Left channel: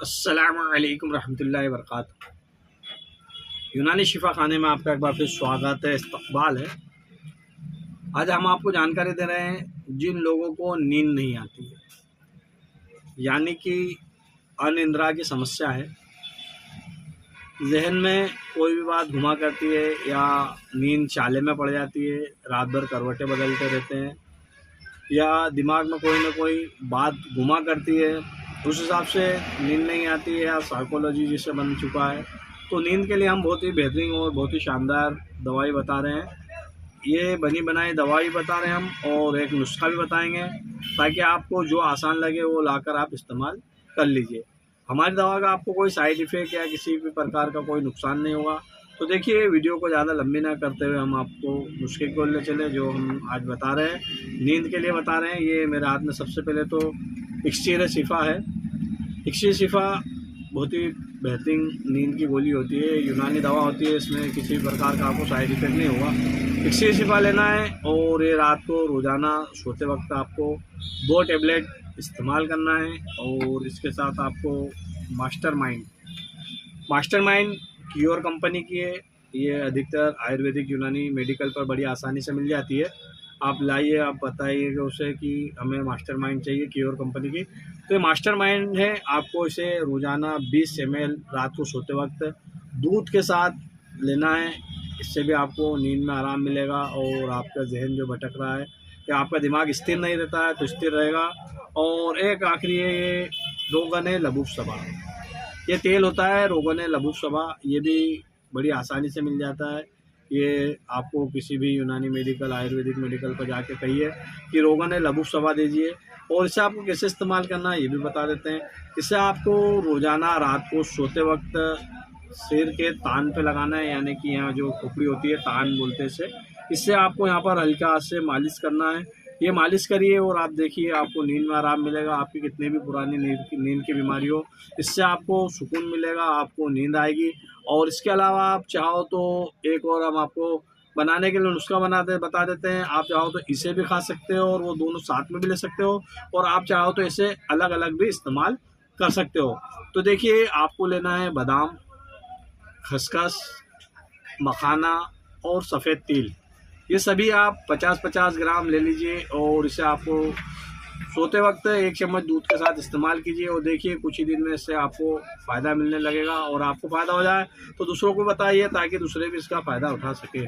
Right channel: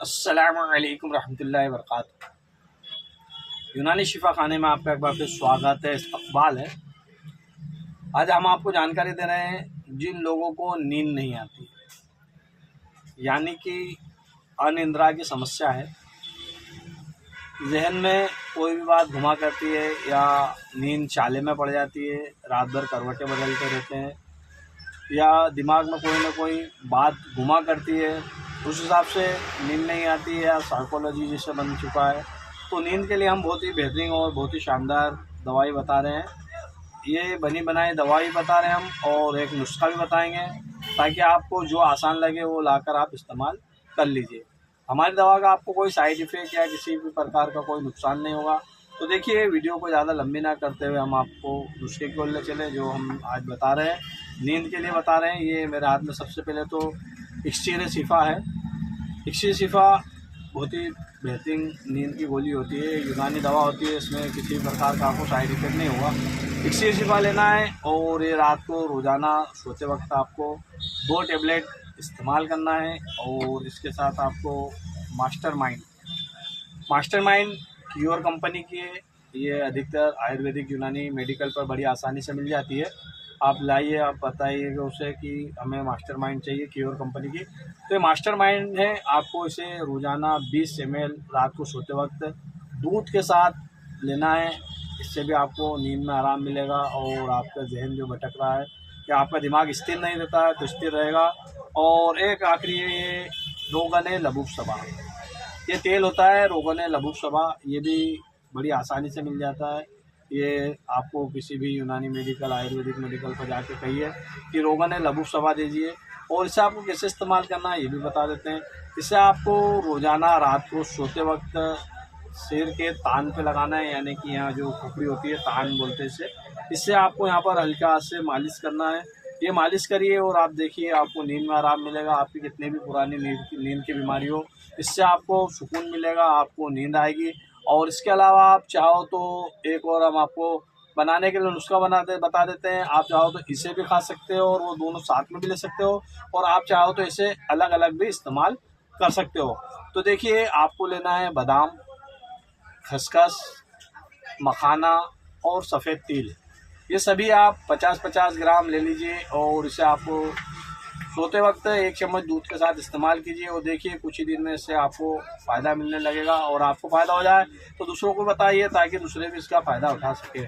अस्सलामुअलैकुम रहमतुल्लाहि वबरकातुहू। यूनानी शिफा खाने में आपका एक बार फिर स्वागत है, इस्तकबाल है। आज हम आपको जानकारी दे रहे हैं जिन लोगों को नींद नहीं आती है, यानी कि अनिद्रा की समस्या है, जहन में कोई भी बात घुमा करती है या नींद चाले में पड़ जाती है, रात भर करवटें बदलते रहते हैं या दिमाग में कोई ना कोई बात घुमा करती है, उस हिसाब से नींद नहीं आती है या साइकोलॉजी जिसे बन चुका है, तो नींद के लिए हम बहुत ही बेहतरीन और बहुत ही शानदार दवाई बता रहे हैं। ये बनी बनाई दवाई बता रहे हैं हम, और एक नुस्खा भी बताएंगे ताकि आपको जो आसान लगे वो लाकर आप इस्तेमाल कर लीजिए। हमारी दवा का आपको कोई साइड इफ़ेक्ट या किसी भी प्रकार का कोई नुकसान नहीं होगा। तो देखिए, वीडियो को ज़्यादा लंबी ना करते हुए हम आपको नुस्खे की ओर ले चले जो हम आज बता रहे हैं, नींद के लिए बता रहे हैं। ये मेरे हाथ में सबसे पहले तो इक्सीर शिफा है। इक्सीर शिफा बहुत ही बेहतरीन नींद की गोली होती है, यूनानी दवा होती है, इसमें किसी भी प्रकार का आपको साइड इफेक्ट नहीं होगा। इक्सीर शिफा लेना है और ये रात को रोज़ाना सोते वक्त आपको 2 टेबलेट इस्तेमाल करना है। और इसके साथ आपको मास्टरमाइंड क्योर कंपनी की है। ये अधिकतर आयुर्वेदिक यूनानी मेडिकल पर बड़ी आसानी से मिल जाती है। आप लाइए, आप बताइएगा उसे कि हमें मास्टरमाइंड चाहिए क्योर कंपनी की, तो ये मास्टरमाइंड है। आपको इसे रोज़ाना 20 ml रात को सोते वक्त दूध के साथ लेना है। इससे भी आपको नींद में आराम मिलेगा और आपका जहन जो भटक रहा है या आपका दिमाग स्थिर नहीं रहता है तो स्थिर रहेगा। और एक आखिरी है, ये रोगन लबूब सबा, ये तेल होता है रोगन लबूब सबा, ये भी बड़ी आसानी से मिल जाता है। ये आपको किसी भी यूनानी मेडिकल आयुर्वेदिक मेडिकल पर जाके कहिए कि रोगन लबूब सबा दीजिए। और इसे आपको कैसे इस्तेमाल करना है ये भी बता देते हैं। इसे आपको रोज़ाना रात को सोते वक्त सिर के तान पे लगाना है, यानी कि यहाँ जो खोपड़ी होती है, तान बोलते हैं इसे। इससे आपको यहाँ पर हल्का हाथ से मालिश करना है। ये मालिश करिए और आप देखिए आपको नींद में आराम मिलेगा। आपकी कितनी भी पुरानी नींद की बीमारी हो, इससे आपको सुकून मिलेगा, आपको नींद आएगी। और इसके अलावा आप चाहो तो एक और हम आपको बनाने के लिए नुस्खा बता देते हैं। आप चाहो तो इसे भी खा सकते हो और वो दोनों साथ में भी ले सकते हो, और आप चाहो तो इसे अलग अलग भी इस्तेमाल कर सकते हो। तो देखिए, आपको लेना है बादाम, खसखस, मखाना और सफ़ेद तिल। ये सभी आप 50-50 ग्राम ले लीजिए और इसे आपको सोते वक्त 1 चम्मच दूध के साथ इस्तेमाल कीजिए। और देखिए, कुछ ही दिन में इससे आपको फ़ायदा मिलने लगेगा। और आपको फ़ायदा हो जाए तो दूसरों को बताइए ताकि दूसरे भी इसका फ़ायदा उठा सके।